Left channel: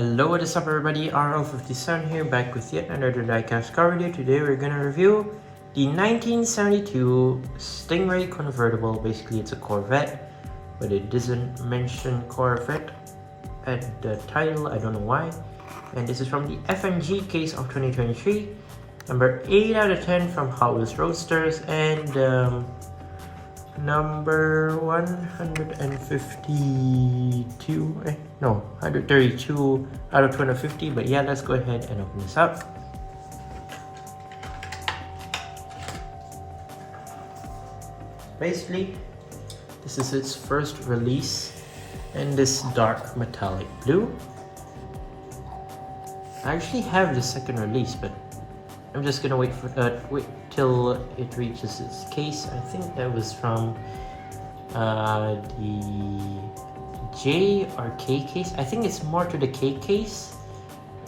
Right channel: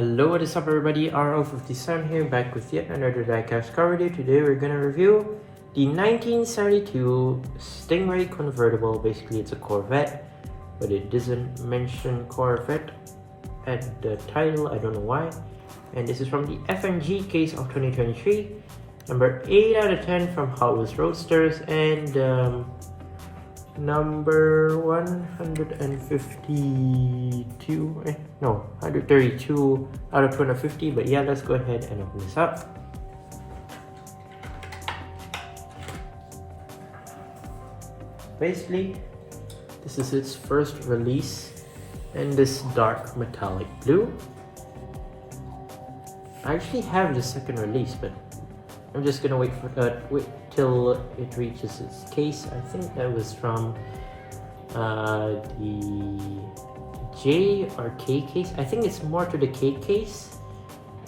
Hello, what is up everybody, RL57 here, back with yet another diecast car video. Today we're gonna review the 1972 Stingray Convertible. Basically it's a Corvette, but it doesn't mention Corvette at the title, I don't know why. And this is from the FNG case of 2023, number 8 out of 10 from Hotwheels Roadsters, and number 132 out of 250. But yeah, let's go ahead and open this up. Basically, this is its first release in this dark metallic blue. I actually have the second release, but I'm just gonna wait till it reaches its case. I think that was from the J or K case. I think it's more to the K case.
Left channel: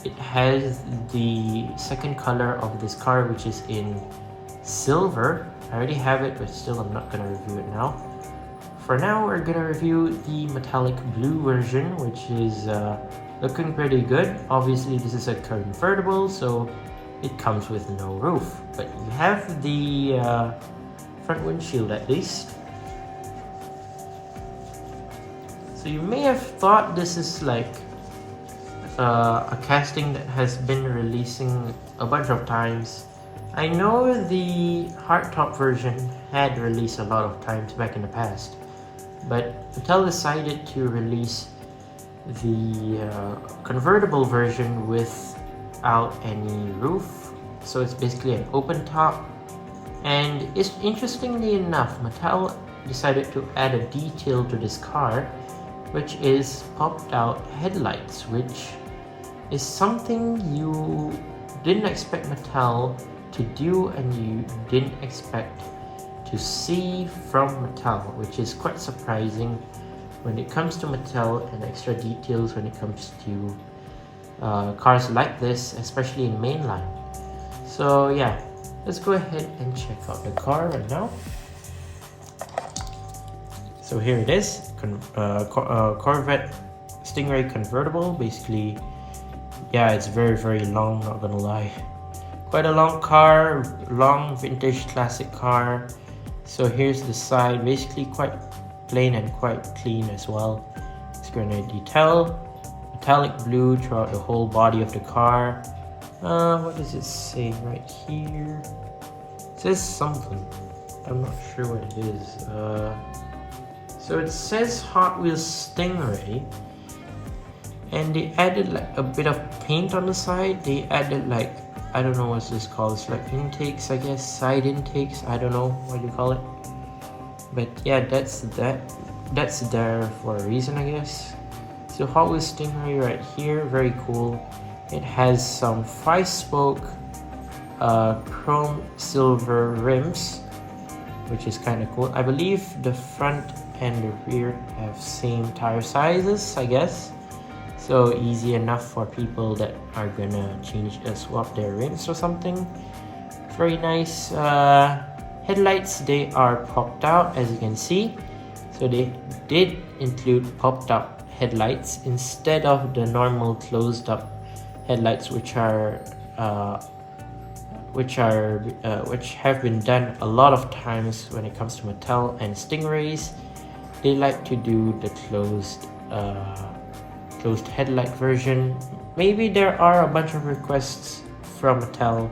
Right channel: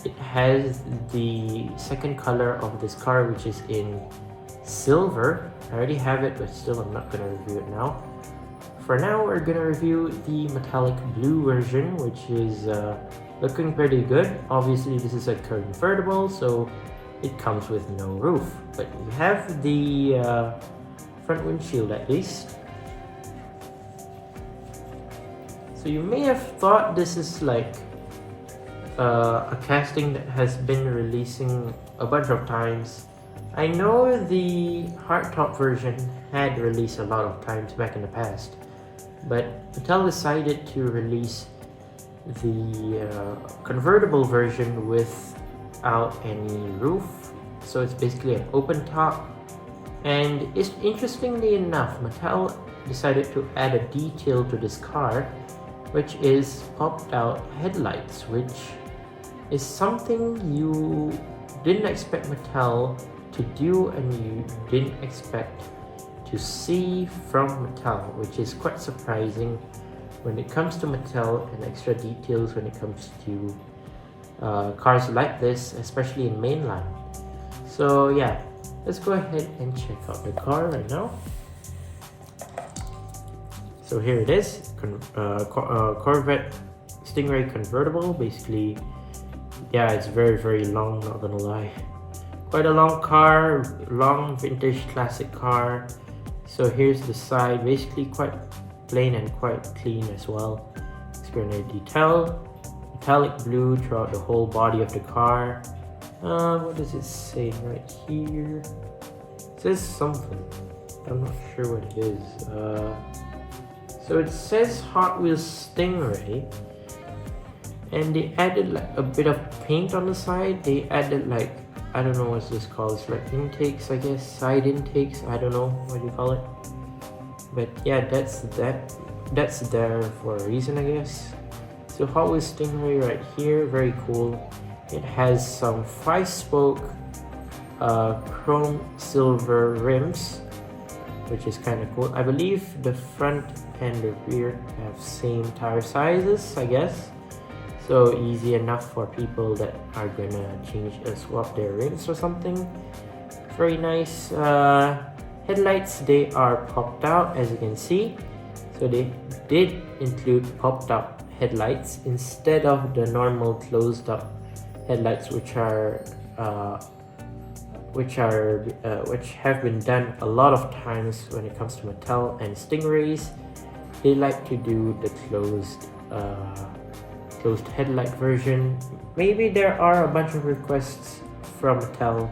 It has the second color of this car, which is in silver. I already have it, but still I'm not gonna review it now. For now, we're gonna review the metallic blue version, which is looking pretty good. Obviously, this is a convertible, so it comes with no roof, but we have the front windshield at least. So you may have thought this is like a casting that has been releasing a bunch of times. I know the hardtop version had released a lot of times back in the past, but Mattel decided to release the convertible version without any roof, so it's basically an open top. And it's, interestingly enough, Mattel decided to add a detail to this car, which is popped out headlights, which is something you didn't expect Mattel to do and you didn't expect to see from Mattel, which is quite surprising when it comes to Mattel and extra details when it comes to cars like this, especially in mainline. So yeah, let's go ahead and check out the car right now. So here it is, Corvette Stingray Convertible. Basically, yeah, it's very long, not gonna lie. Quite a long car, long vintage classic car. So here's the side, basically quite plain and quite clean as well. It's gonna detail metallic blue throughout the whole body of the car. What does it say right here? It says something. I'm not sure what it is. So it says Hot Wheels Stingray, and they added like a bit of paint on the side. They added like, I don't know what this called. It's like intakes, I guess, side intakes. I don't know what you call it. But yeah, that's there for a reason, I guess. So Hot Wheels Stingray right here, very cool. It has some 5-spoke chrome silver rims, which is kind of cool. I believe the front and the rear have same tire sizes, I guess. So easy enough for people that are gonna swap their rims or something. Very nice. Headlights, they are popped out, as you can see. So they did include popped out headlights instead of the normal closed up headlights, which have been done a lot of times when it comes to Mattel and Stingrays. They like to do the closed headlight version. Maybe there are a bunch of requests from Mattel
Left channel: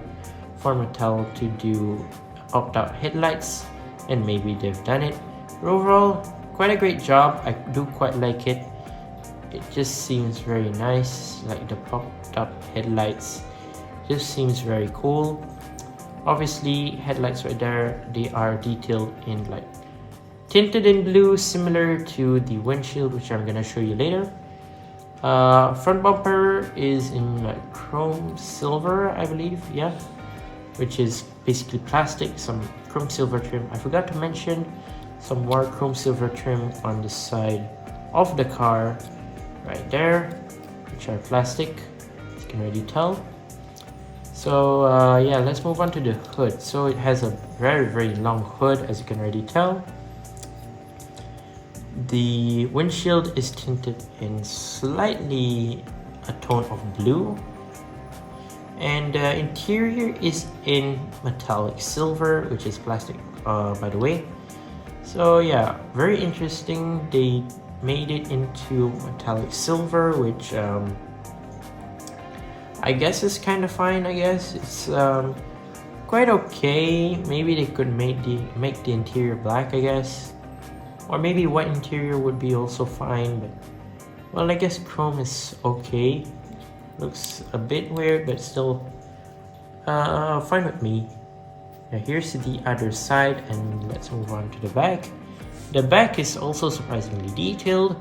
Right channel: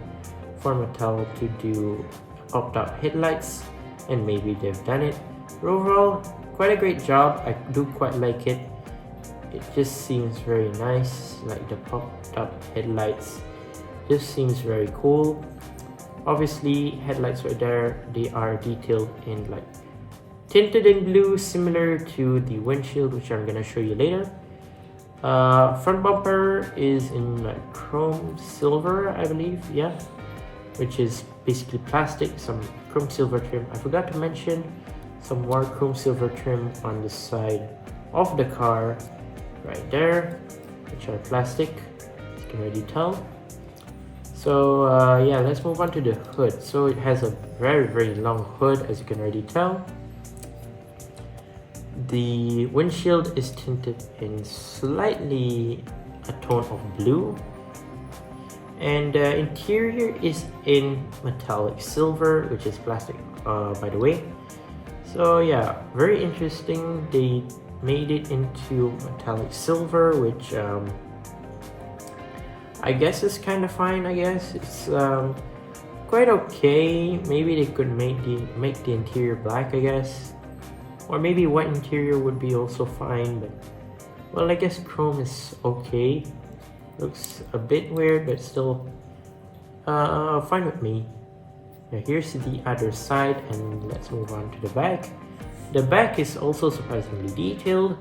to do popped out headlights, and maybe they've done it. Overall, quite a great job. I do quite like it. It just seems very nice, like the popped up headlights just seems very cool. Obviously, headlights right there, they are detailed in like tinted in blue, similar to the windshield, which I'm gonna show you later. Front bumper is in like chrome silver, I believe, yeah, which is basically plastic, some chrome silver trim. I forgot to mention some more chrome silver trim on the side of the car right there, which are plastic, you can already tell. So yeah, let's move on to the hood. So it has a very long hood, as you can already tell. The windshield is tinted in slightly a tone of blue. And the interior is in metallic silver, which is plastic, by the way. So yeah, very interesting. They made it into metallic silver, which I guess is kind of fine. I guess it's quite okay. Maybe they could make the interior black, I guess, or maybe white interior would be also fine. But, well, I guess chrome is okay. Looks a bit weird, but still fine with me. Now here's the other side, and let's move on to the back. The back is also surprisingly detailed.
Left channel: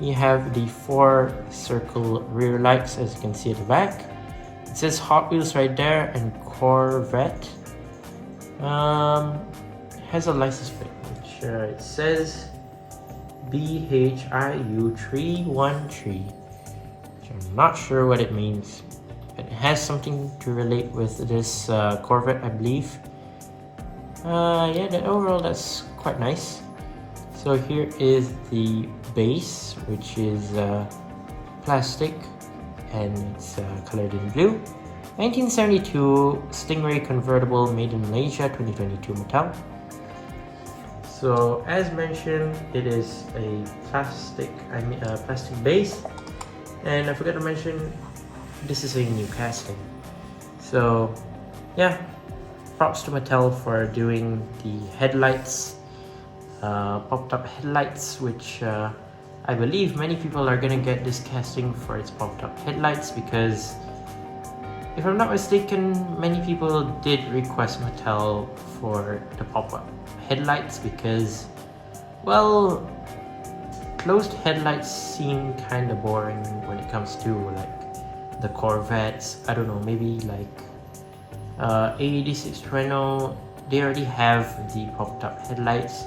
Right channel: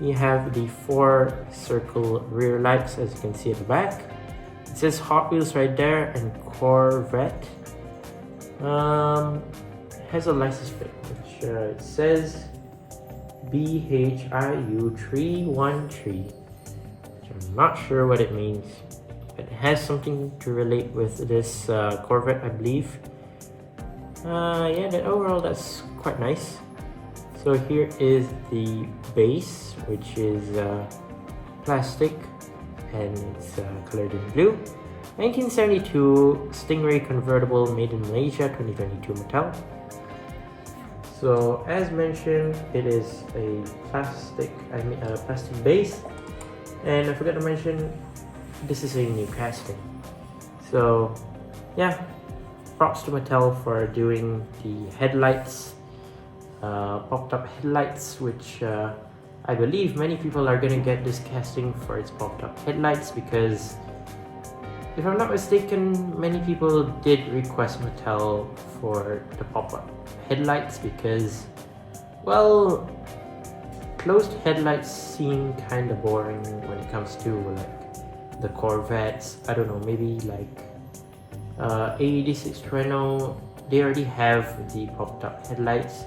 You have the 4 circle rear lights, as you can see at the back. It says Hot Wheels right there, and Corvette. Has a license plate, which it says BHIU313. I'm not sure what it means. It has something to relate with this Corvette, I believe. Yeah, the overall that's quite nice. So here is the base, which is plastic and it's colored in blue. 1972 Stingray Convertible, made in Malaysia, 2022 metal. So as mentioned, it is a plastic base. And I forgot to mention, this is a new casting. So yeah, props to Mattel for doing the headlights, popped up headlights, which I believe many people are gonna get this casting for its popped up headlights, because if I'm not mistaken, many people did request Mattel for the pop-up headlights because, well, closed headlights seem kind of boring when it comes to like the Corvettes. I don't know, maybe like AED620, they already have the popped up headlights,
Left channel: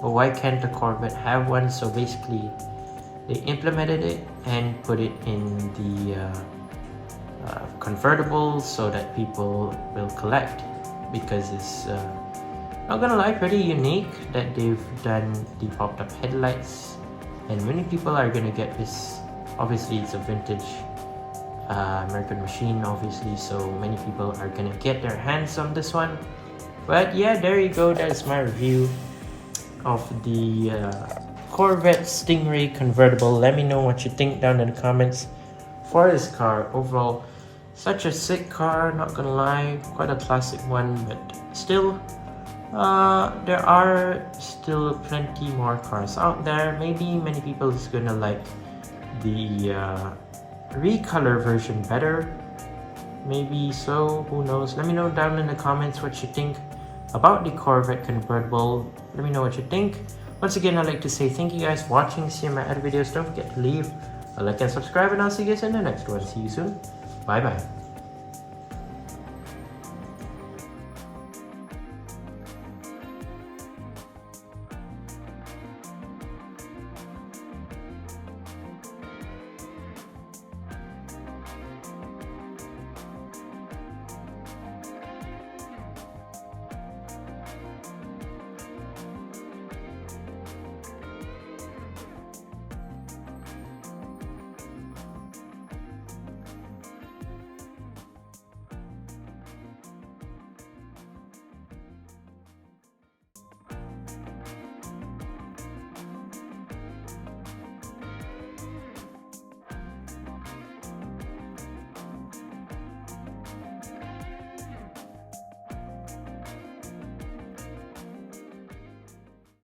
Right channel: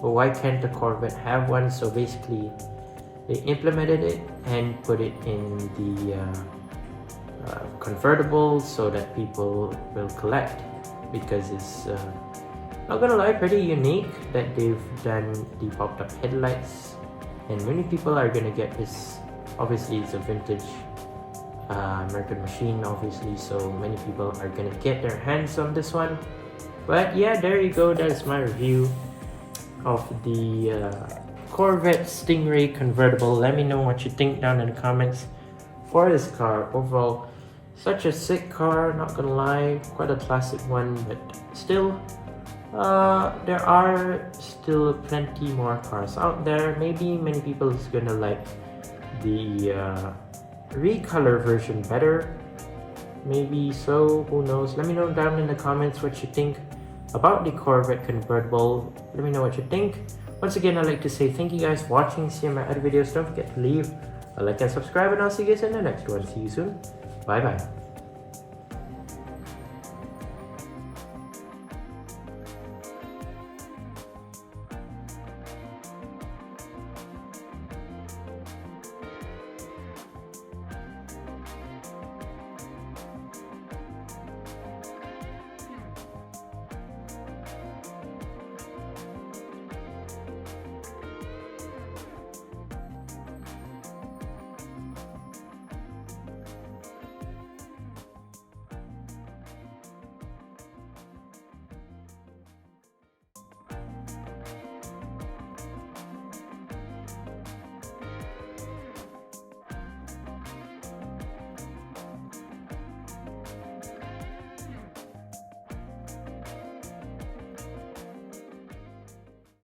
but why can't the Corvette have one? So basically they implemented it and put it in the convertible so that people will collect, because it's not gonna lie, pretty unique that they've done the popped up headlights, and many people are gonna get this. Obviously it's a vintage American machine, obviously, so many people are gonna get their hands on this one. But yeah, there you go, that's my review of the Corvette Stingray Convertible. Let me know what you think down in the comments for this car. Overall, such a sick car, not gonna lie, quite a classic one, but still there are still plenty more cars out there. Maybe many people is gonna like the recolor version better, maybe, so who knows. Let me know down in the comments what you think about the Corvette Convertible. Let me know what you think. Once again, I'd like to say thank you guys for watching. See my other videos. Don't forget to leave a like and subscribe, and I'll see you guys in the next one. See you soon. Bye bye.